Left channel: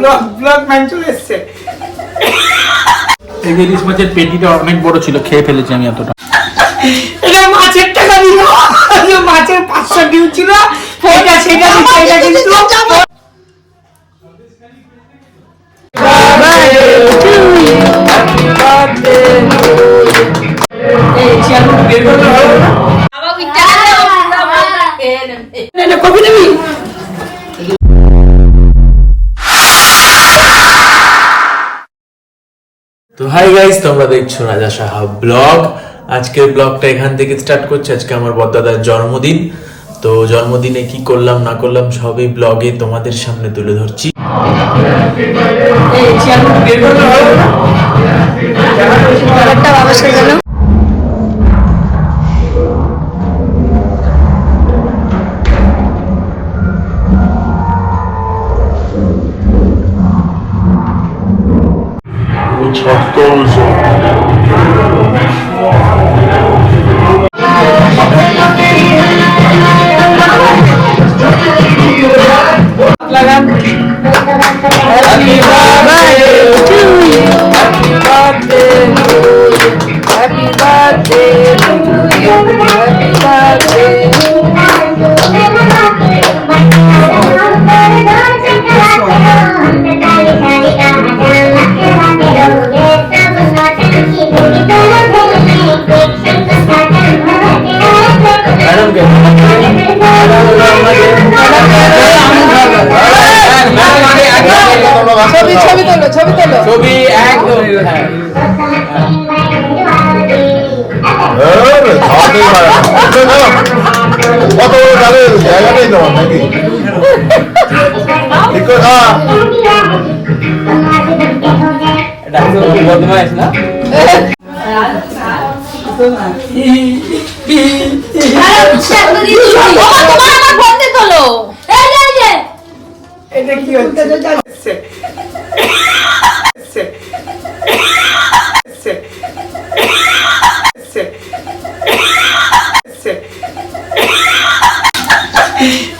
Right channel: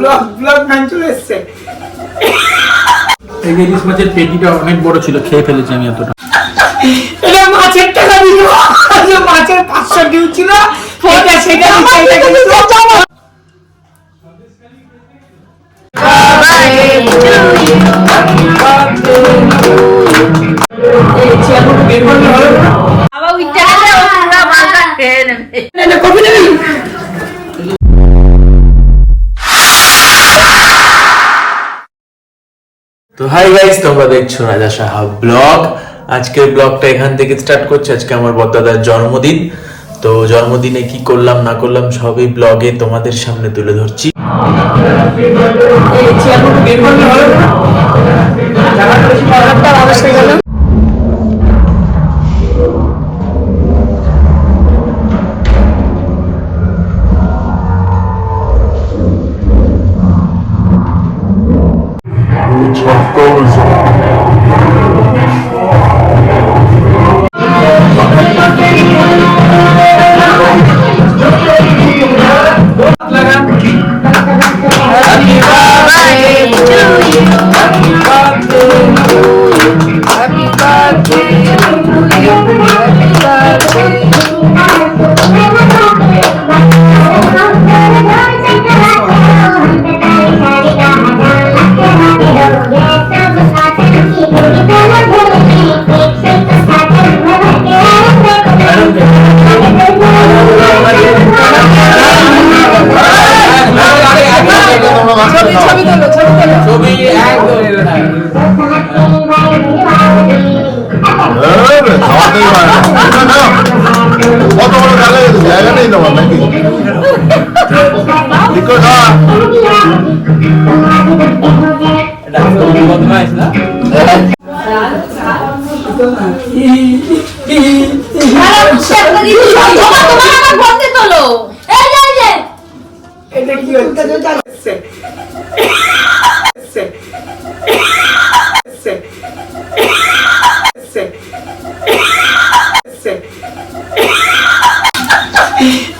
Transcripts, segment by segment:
Blog man চলে এসছে। এই ইলিশ মাছের পেটিটা অনেক বড় ছিল, খেয়ে ফেলেছি আমি এতটা। এটা মাছের টাকা দিল, মাছের 500 ডিউ ছিল, সেটা কিন্তু কপি নেবি। তো হাই গাইস, তোমরা দেখছো রাজা সাহা ব্লগ। আজকের ব্লগটা এখান থেকে স্টার্ট করছি। আজকে আমার বড়দাদার জন্মদিন। তো জন্মদিনে কি করলাম না করলাম সবই ব্লগে তোমাদের সামনে তুলে ধরছি।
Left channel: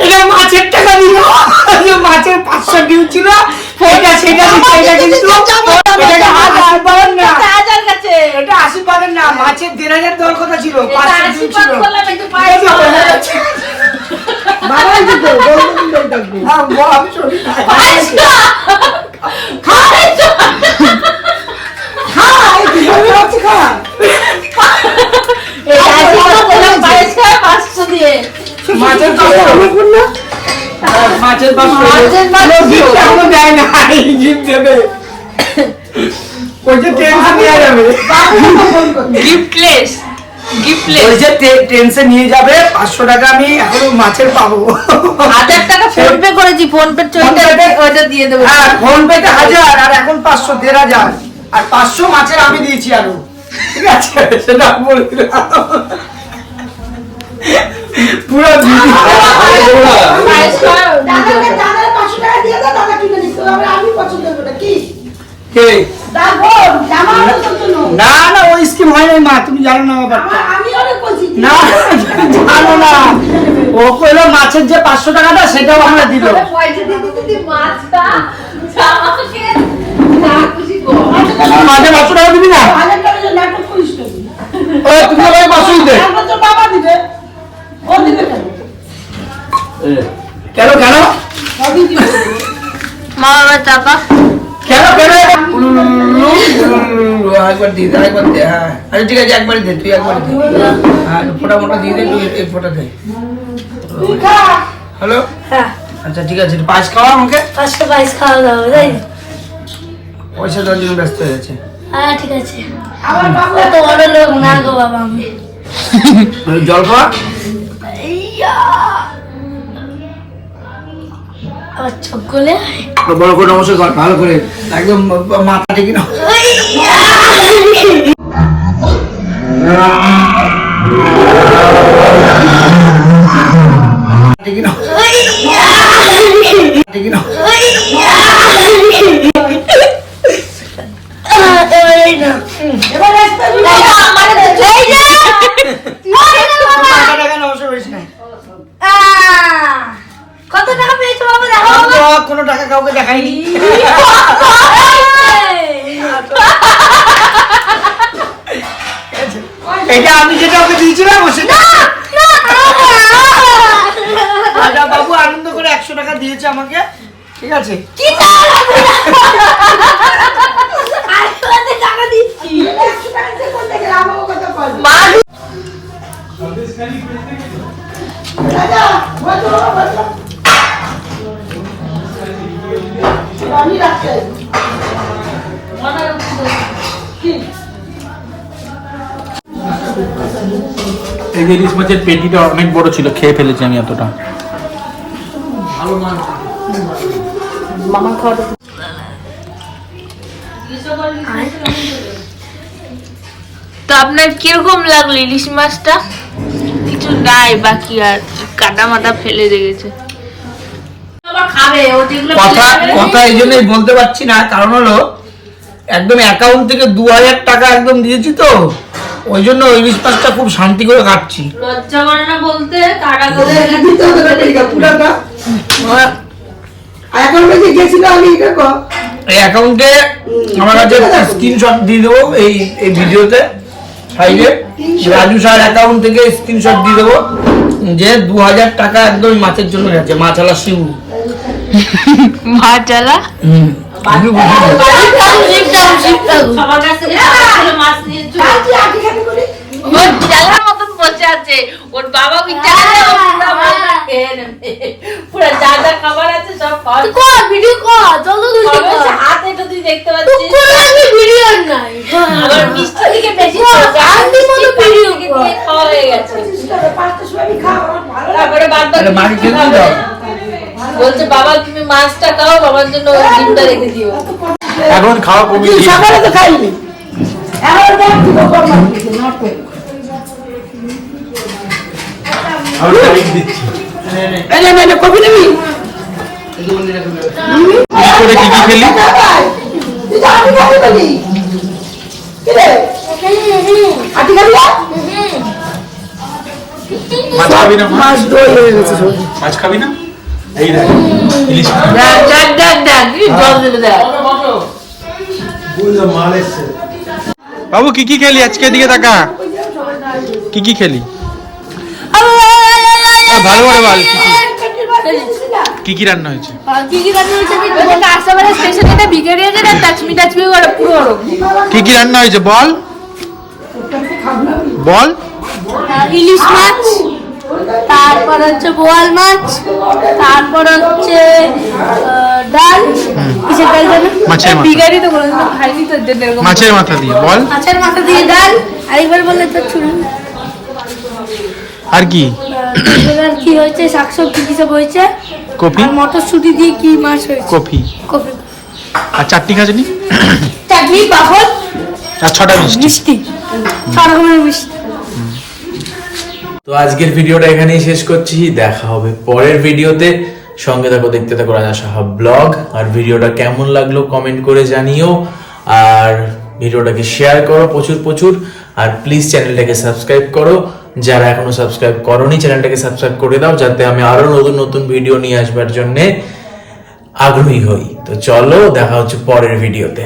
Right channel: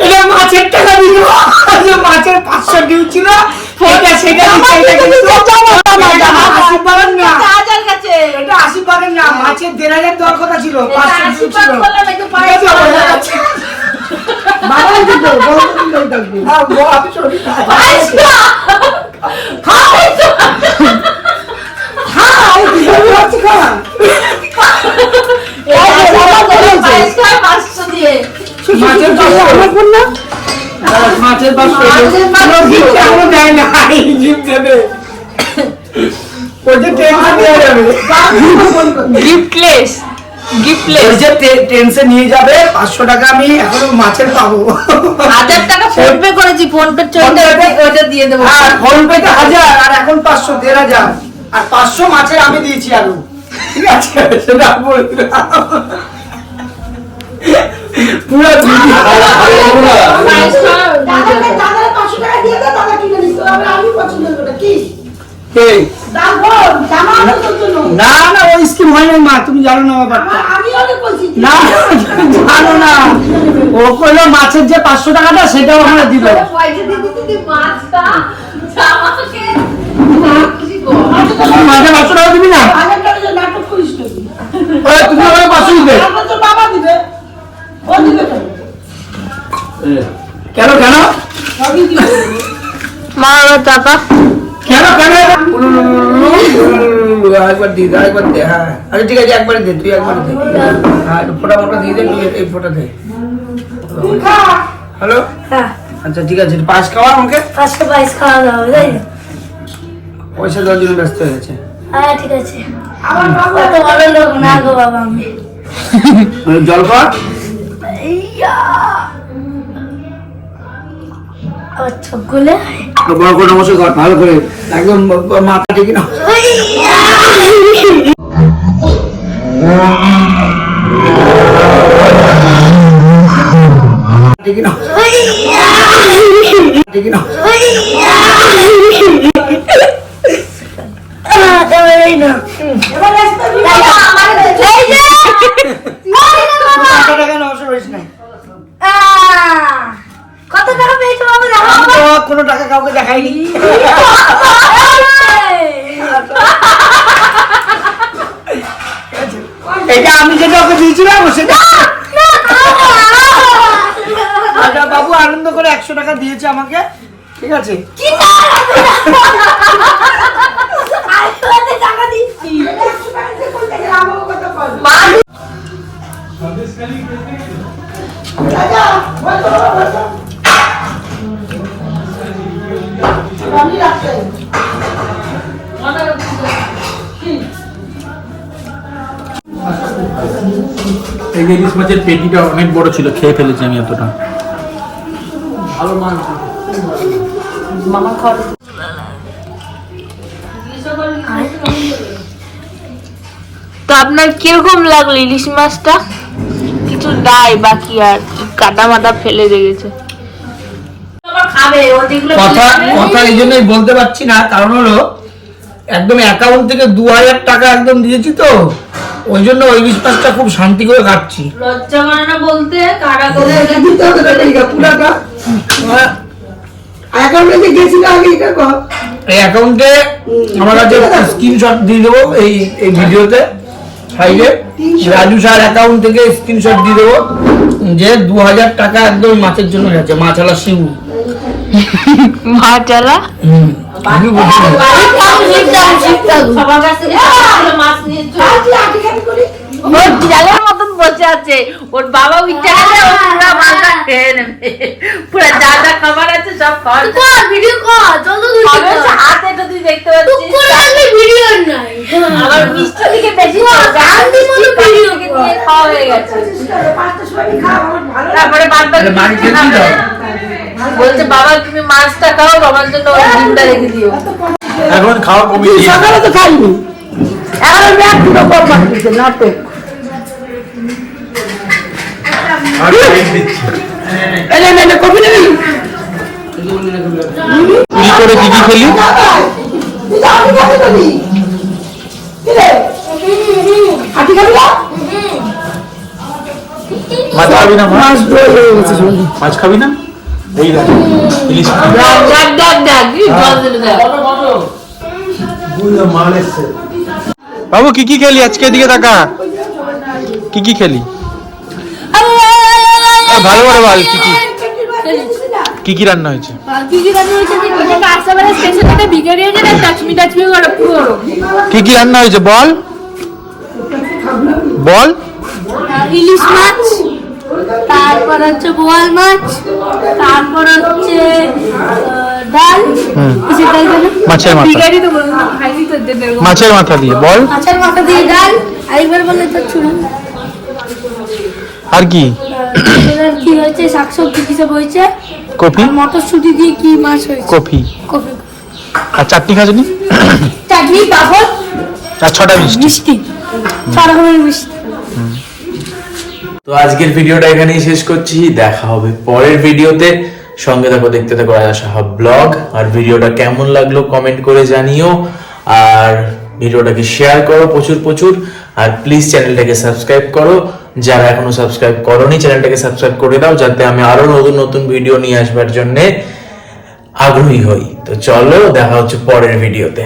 এটা মাছের টাকা দিল, মাছের 500 ডিউ ছিল, সেটা কিন্তু এটা 80 পারেন না, মাছের 1500 দেওয়ার কথা ছিল, 500 ডিউ ছিল। মাছের টেনশন নিয়ে যাবে। 500 টাকা আমি এখনো মাছের পাবো। 1000 টাকা ফোন পে করেছি, ফোন পে ওইটা দিয়ে দেবো। হ্যাঁ, ফোন পে তে 1000 আর এখন 500, 1500 আর 500 মাছের আমি দিয়েছি আরো। ঠিক আছে, সেটা বললাম পুরো না না, ওই স্কিম হয় নাই মা, তুমি জানো না ব্যাপারটা। না জানো না, ও কইলো মাছের যে 500 টাকাটা সেটাও আমরা দিল। মাঝে 500 টাকা দিবি না? তুমি আমাকে 500 দিতে কেন মা টাকা কেন একবার দিয়ে একবার দে। হ্যাঁ আচ্ছা ঠিক আছে, একবারই দে, তুই একবারই দে। হ্যাঁ ফোটা মোটা দিয়ে দে, তুই এই ফোটা দে। হ্যালো, আচ্ছা ঠিক আছে, পায়েস খাওয়া আমাকে। পাঁচটা পায়েস খাওয়া দাওয়া তাই না? পয়সা দেওয়ার জন্য ব্যস্ত হয়ে গেছে। হ্যাঁ ঠিক আছে, অত বড় লোক না গো বাবা আমি। জল খাওয়া আবার চোখ গুলে বড় করে নমস্কার কর, ভালো করে একদম মাথা ঠিক না। ঠিক না ঠিক না কত টাকা পেয়েছো বাবা? কোনো টাকা কাউকে দেখাইনি। এটা আমি যেটা ওকে দিয়েছিলাম সেটা রাজা বাবু আনন্দ করে 100 টাকা দিয়েছে আমাকে, ঠিক আছে। এই যে ইলিশ মাছের পেটিটা অনেক বড় ছিল, খেয়ে ফেলেছি আমি এতটা। তো আপনার কিরকম লাগলো ইলিশ মাছটা? কিছু নাই বাকি, আর কাটা মাথা ফেলে রেখেছে। কথা এই জন্যই বলতে পারছি না, কারণ হলো একদম অ্যাকাউন্ট থেকে 2000 টাকা একদম দিয়েছি, তো ওই জন্য ওই ইলিশ মাছটা খুব শান্তি করে কাটছি। লজ্জা করে না বলতে? কাটা করে এই অ্যাকাউন্টে আমার কাছে স্ক্রিনশট দিয়ে দেবো, এই ভিডিওতে সাইডে রাজু স্যার অ্যাকাউন্ট থেকে স্ক্রিনশট দিয়ে দেবো যে 2000 টাকা একদম মাছের জন্য গেছে, মাছালা শিউ। মাছালা মতন বসে আছে, ওর বাবা পুরো যা যা খাবার আছে সব ভিডিও কর, হাতে তো তুই দেখতে পাচ্ছিস ভিডিও নাই, মিষ্টি থেকে বেশি খাওয়া হয়ে গেছে। তারপরে বলছে বাবা তুমি মাছটা খাও, বাবার জন্য ওই ডিমটা রেখে দিও। এখন খাওয়া কমিয়ে দিয়েছি। সকালে তো খাইনি, এখন পুরো কম দিচ্ছে না তো। আর লাইট দিচ্ছি। এই কফি নেবি? কি করে কি কি খেলি? মাছ খাবি না? মাছ খাবি না? এই দেখ ইলিশ বাবু কি কি খেলি আজকে? দিকে তাকা, কি কি খেলি? ভালো করে বল, কি কি রান্না হয়েছে? কি কি রান্না হয়েছে বল বল। ইলিশ মাছ, তারপর হচ্ছে বোয়াল মাছ, তারপর হচ্ছে ডাল, কিসের ডাল জানো? মাছের মাথা। মাছের মাথা দিয়ে বল। মাছের মাথা দিয়ে ডাল, আরেকবার বললে তো শুনুন। আর কি কি হয়েছে? শাকসবজি কিসব হয়েছে? কপি, মটরশুঁটি দিয়ে কি মাছ হয়েছে? কপি। কপি আর চাটনি খাজনি, চাটনি, পাপড় আর 6টা মিষ্টি, 6 রকমের মিষ্টি। তো আজকের ভিডিওটা এখানেই শেষ করছি, দেখা হবে পরের ভিডিওতে। সঙ্গে থাকো, দেখতে থাকো রাজা সাহা ব্লগ। আর ভিডিওটা কেমন লাগলো কমেন্ট করে জানিও, আর ভিডিওটাকে শেয়ার করো প্রচুর প্রচুর, আর প্লিজ চ্যানেলটাকে সাবস্ক্রাইব করো। যারা এখনো সাবস্ক্রাইব করোনি চ্যানেলটাকে সাবস্ক্রাইব করে দাও, যাতে আমি আরো নতুন নতুন ভিডিও নিয়ে আসবার জন্য আগ্রহী হই। তো চলো, দেখা হচ্ছে পরের ভিডিওতে।